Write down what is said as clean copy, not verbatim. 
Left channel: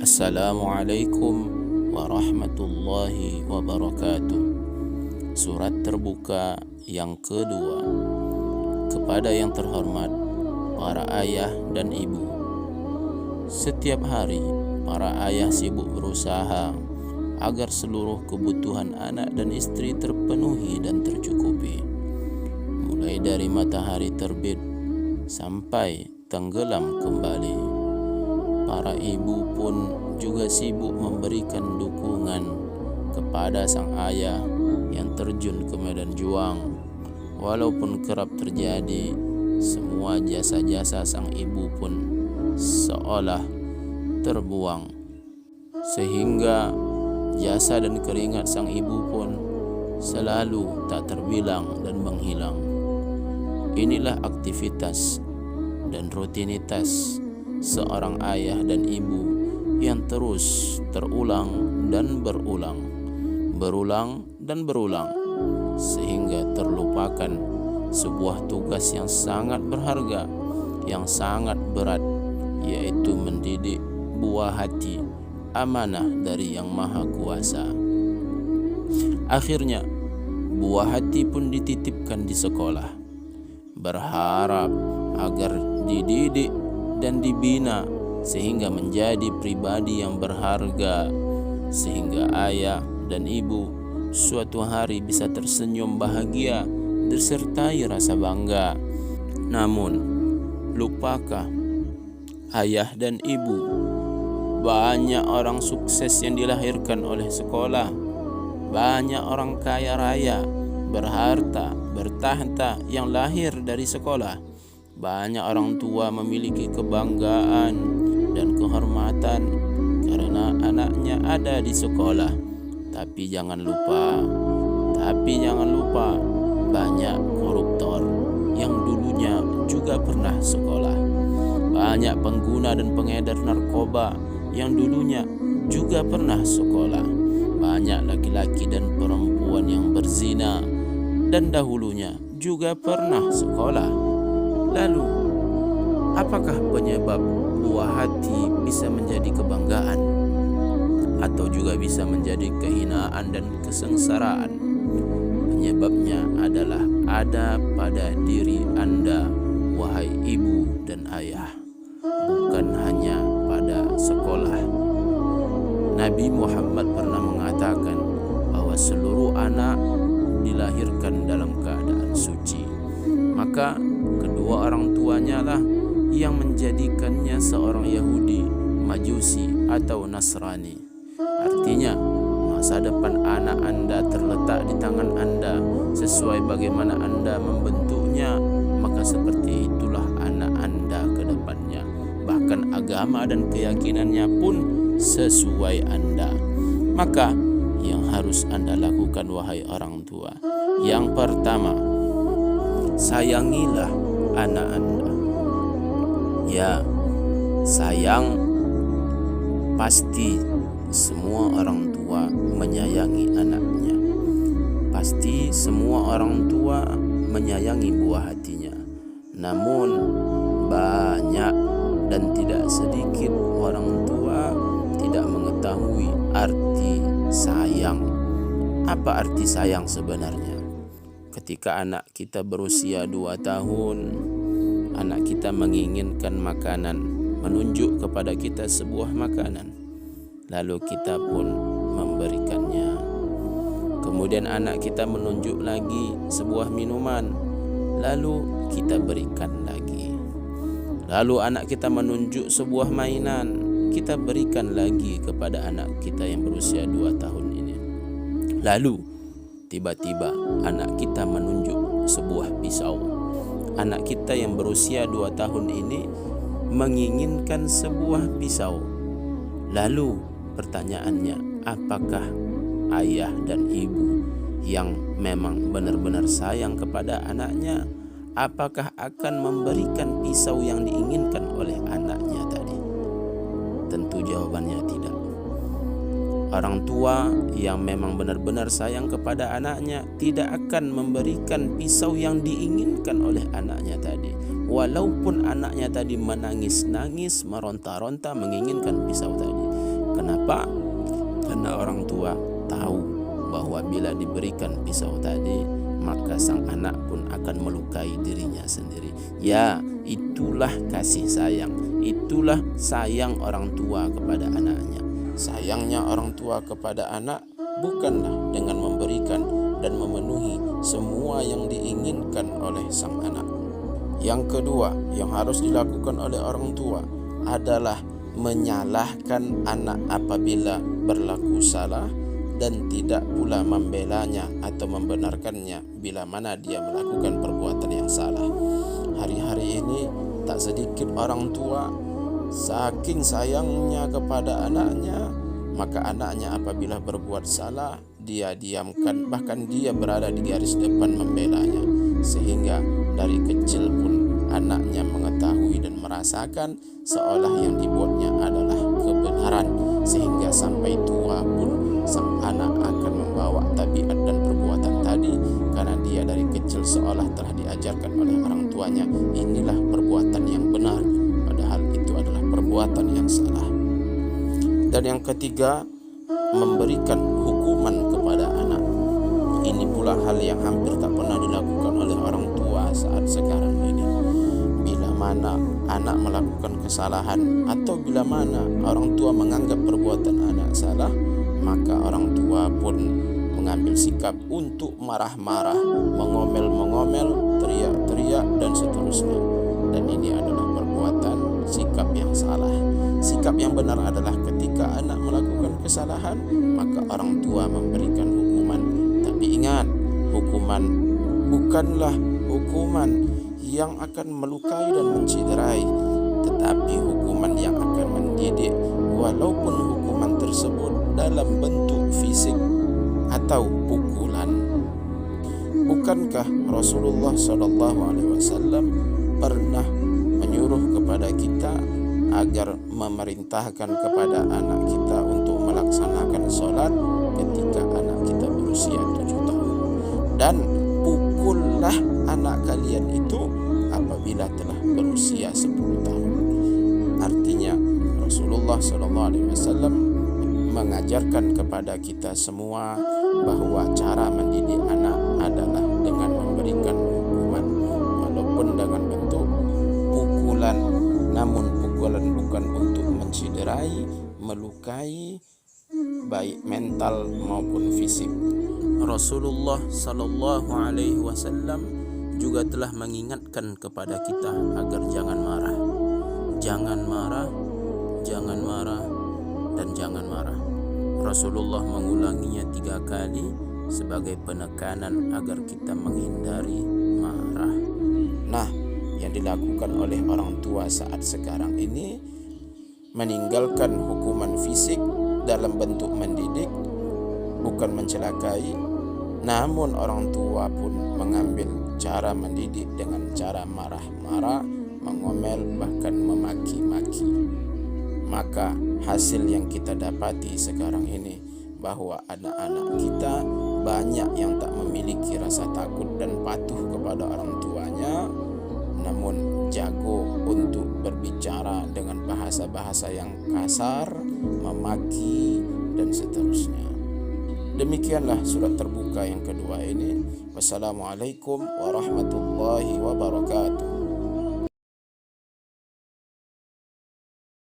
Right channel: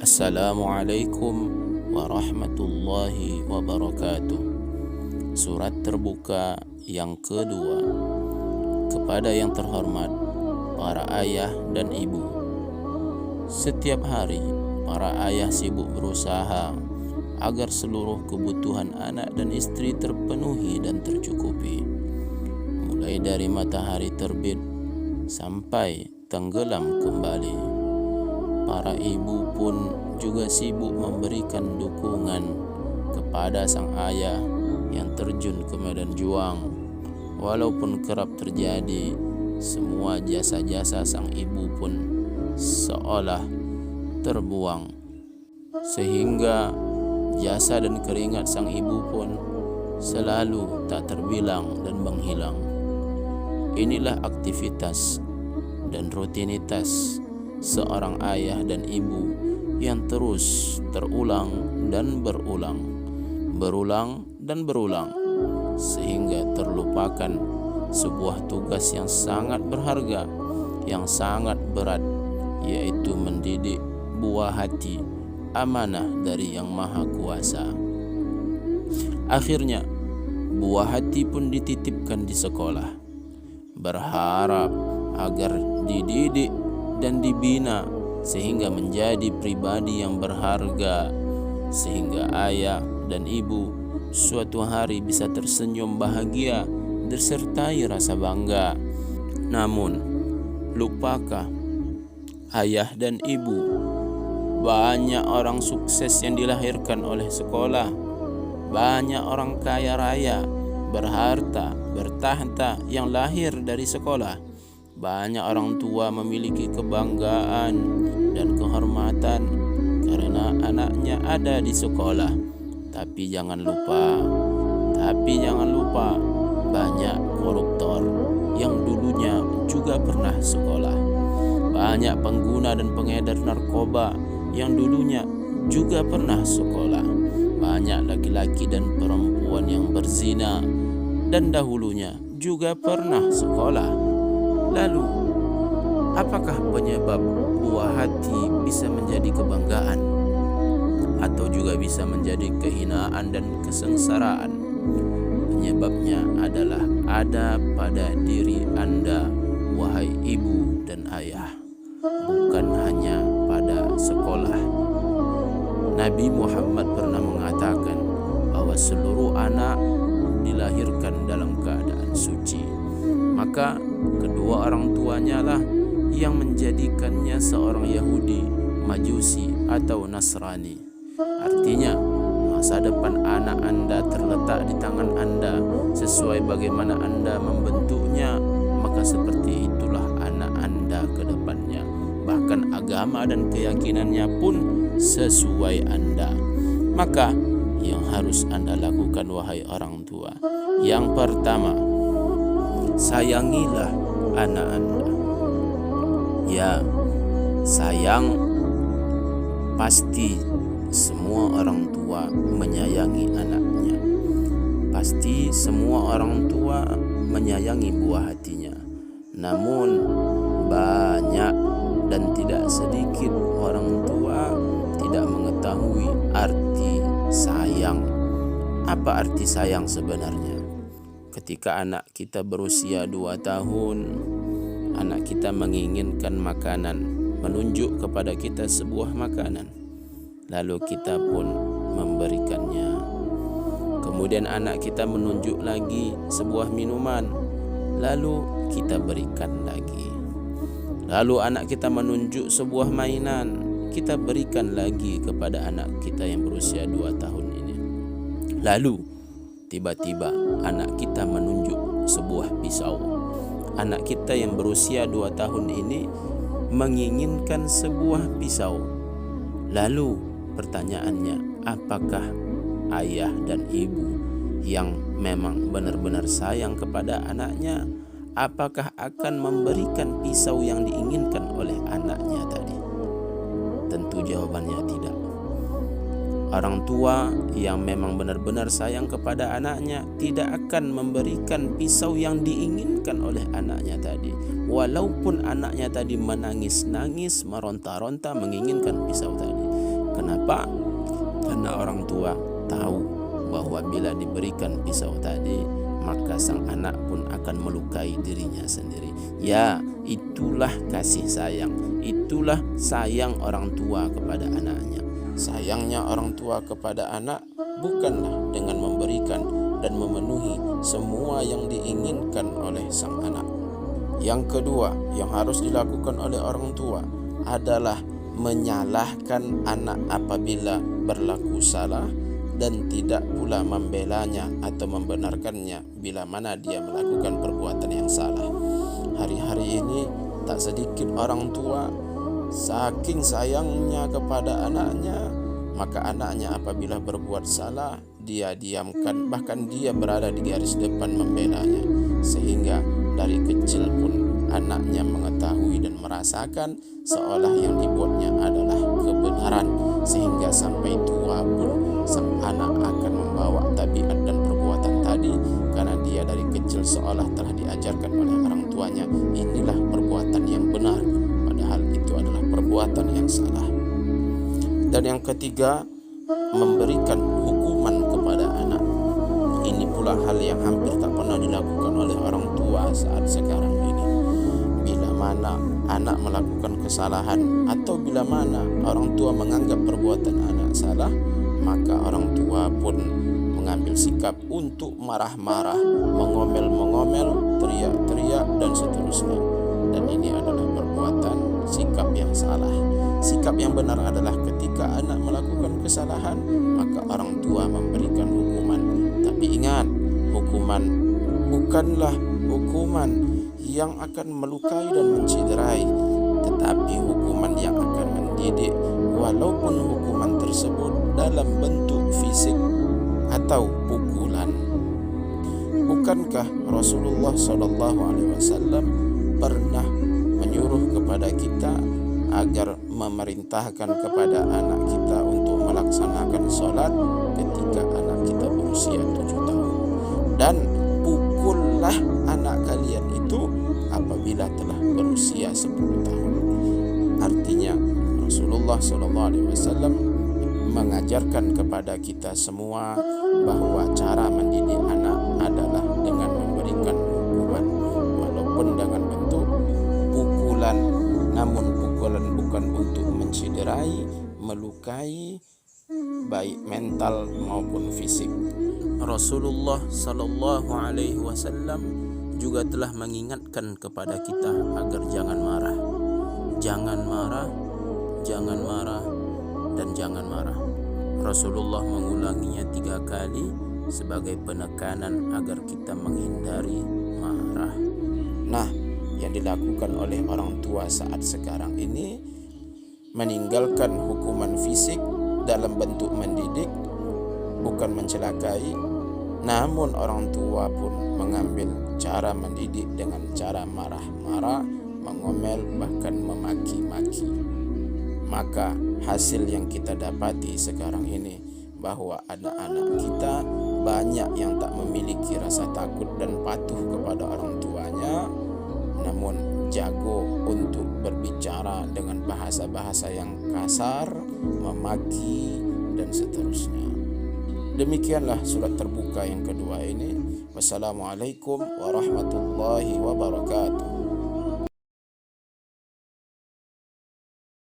Assalamualaikum warahmatullahi wabarakatuh. Surat terbuka yang kedua. Kepada yang terhormat para ayah dan ibu. Setiap hari para ayah sibuk berusaha agar seluruh kebutuhan anak dan istri terpenuhi dan tercukupi, mulai dari matahari terbit sampai tenggelam kembali. Para ibu pun juga sibuk memberikan dukungan kepada sang ayah yang terjun ke medan juang. Walaupun kerap terjadi, semua jasa-jasa sang ibu pun seolah terbuang, sehingga jasa dan keringat sang ibu pun selalu tak terbilang dan menghilang. Inilah aktivitas dan rutinitas seorang ayah dan ibu yang terus terulang dan berulang dan berulang, sehingga terlupakan sebuah tugas yang sangat berharga, yang sangat berat, yaitu mendidik buah hati, amanah dari Yang Maha Kuasa. Akhirnya buah hati pun dititipkan di sekolah, berharap agar dididik dan dibina sehingga menjadi pribadi yang berharga, sehingga ayah dan ibu suatu hari bisa tersenyum bahagia disertai rasa bangga. Namun, lupakah ayah dan ibu? Banyak orang sukses yang dilahirkan oleh sekolah, banyak orang kaya raya, berharta, bertahta yang lahir dari sekolah. Banyak orang tua memiliki kebanggaan dan kehormatan karena anaknya ada di sekolah. Tapi jangan lupa, banyak koruptor yang dulunya juga pernah sekolah. Banyak pengguna dan pengedar narkoba yang dulunya juga pernah sekolah. Banyak laki-laki dan perempuan yang berzina dan dahulunya juga pernah sekolah. Lalu, apakah penyebab buah hati bisa menjadi kebanggaan atau juga bisa menjadi kehinaan dan kesengsaraan? Penyebabnya adalah ada pada diri Anda, wahai ibu dan ayah, bukan hanya pada sekolah. Nabi Muhammad pernah mengatakan bahwa seluruh anak dilahirkan dalam keadaan suci. Maka kedua orang tuanya lah yang menjadikannya seorang Yahudi, Majusi atau Nasrani. Artinya, masa depan anak Anda terletak di tangan Anda. Sesuai bagaimana Anda membentuknya, maka seperti itulah anak Anda ke depannya. Bahkan agama dan keyakinannya pun sesuai Anda. Maka yang harus Anda lakukan, wahai orang tua, yang pertama, sayangilah anak Anda. Ya, sayang pasti semua orang tua menyayangi anaknya. Pasti semua orang tua menyayangi buah hatinya. Namun banyak dan tidak sedikit orang tua tidak mengetahui arti sayang. Apa arti sayang sebenarnya? Ketika anak kita berusia 2 tahun, anak kita menginginkan makanan, menunjuk kepada kita sebuah makanan, lalu kita pun memberikannya. Kemudian anak kita menunjuk lagi sebuah minuman, lalu kita berikan lagi. Lalu anak kita menunjuk sebuah mainan, kita berikan lagi kepada anak kita yang berusia 2 tahun ini. Lalu tiba-tiba anak kita menunjuk sebuah pisau. Anak kita yang berusia 2 tahun ini menginginkan sebuah pisau. Lalu pertanyaannya, apakah ayah dan ibu yang memang benar-benar sayang kepada anaknya, apakah akan memberikan pisau yang diinginkan oleh anaknya tadi? Tentu jawabannya tidak. Orang tua yang memang benar-benar sayang kepada anaknya tidak akan memberikan pisau yang diinginkan oleh anaknya tadi. Walaupun anaknya tadi menangis-nangis, meronta-ronta menginginkan pisau tadi. Kenapa? Karena orang tua tahu bahwa bila diberikan pisau tadi, maka sang anak pun akan melukai dirinya sendiri. Ya, itulah kasih sayang. Itulah sayang orang tua kepada anaknya. Sayangnya orang tua kepada anak bukanlah dengan memberikan dan memenuhi semua yang diinginkan oleh sang anak. Yang kedua yang harus dilakukan oleh orang tua adalah menyalahkan anak apabila berlaku salah dan tidak pula membelanya atau membenarkannya bila mana dia melakukan perbuatan yang salah. Hari-hari ini tak sedikit orang tua saking sayangnya kepada anaknya, maka anaknya apabila berbuat salah dia diamkan, bahkan dia berada di garis depan membelanya, sehingga dari kecil pun anaknya mengetahui dan merasakan seolah yang dibuatnya adalah kebenaran, sehingga sampai tua pun sang anak akan membawa tabiat dan perbuatan tadi karena dia dari kecil seolah telah diajarkan oleh orang tuanya inilah perbuatan yang benar, padahal itu adalah perbuatan yang salah. Dan yang ketiga, memberikan hukuman kepada anak. Ini pula hal yang hampir tak pernah dilakukan oleh orang tua saat sekarang ini. Bila mana anak melakukan kesalahan atau bila mana orang tua menganggap perbuatan anak salah, maka orang tua pun mengambil sikap untuk marah-marah, mengomel-mengomel, teriak-teriak dan seterusnya. Dan ini adalah perbuatan sikap yang salah. Sikap yang benar adalah ketika anak melakukan kesalahan, maka orang tua memberikan hukuman. Tapi ingat, hukuman bukanlah hukuman yang akan melukai dan menciderai, tetapi hukuman yang akan mendidik, walaupun hukuman tersebut dalam bentuk fisik atau pukulan. Bukankah Rasulullah SAW pernah menyuruh kepada kita agar memerintahkan kepada anak kita untuk melaksanakan sholat ketika anak kita berusia 7 tahun. Dan pukullah anak kalian itu apabila telah berusia 10 tahun. Artinya Rasulullah SAW mengajarkan kepada kita semua bahwa cara mendidik anak adalah dengan memberikan hukuman, walaupun dengan bentuk pukulan. Namun pukulan bukan untuk menciderai, melukai, baik mental maupun fisik. Rasulullah sallallahu alaihi wasallam juga telah mengingatkan kepada kita agar jangan marah. Jangan marah, jangan marah, dan jangan marah. Rasulullah mengulanginya 3 kali sebagai penekanan agar kita menghindari marah. Nah, yang dilakukan oleh orang tua saat sekarang ini meninggalkan hukuman fisik dalam bentuk mendidik, bukan mencelakai, namun orang tua pun mengambil cara mendidik dengan cara marah-marah, mengomel, bahkan memaki-maki. Maka hasil yang kita dapati sekarang ini bahwa anak-anak kita banyak yang tak memiliki rasa takut dan patuh kepada orang tuanya, namun jago untuk berbicara dengan bahasa-bahasa yang kasar, memaki, dan seterusnya. Demikianlah surat terbuka yang kedua ini. Wassalamualaikum warahmatullahi wabarakatuh.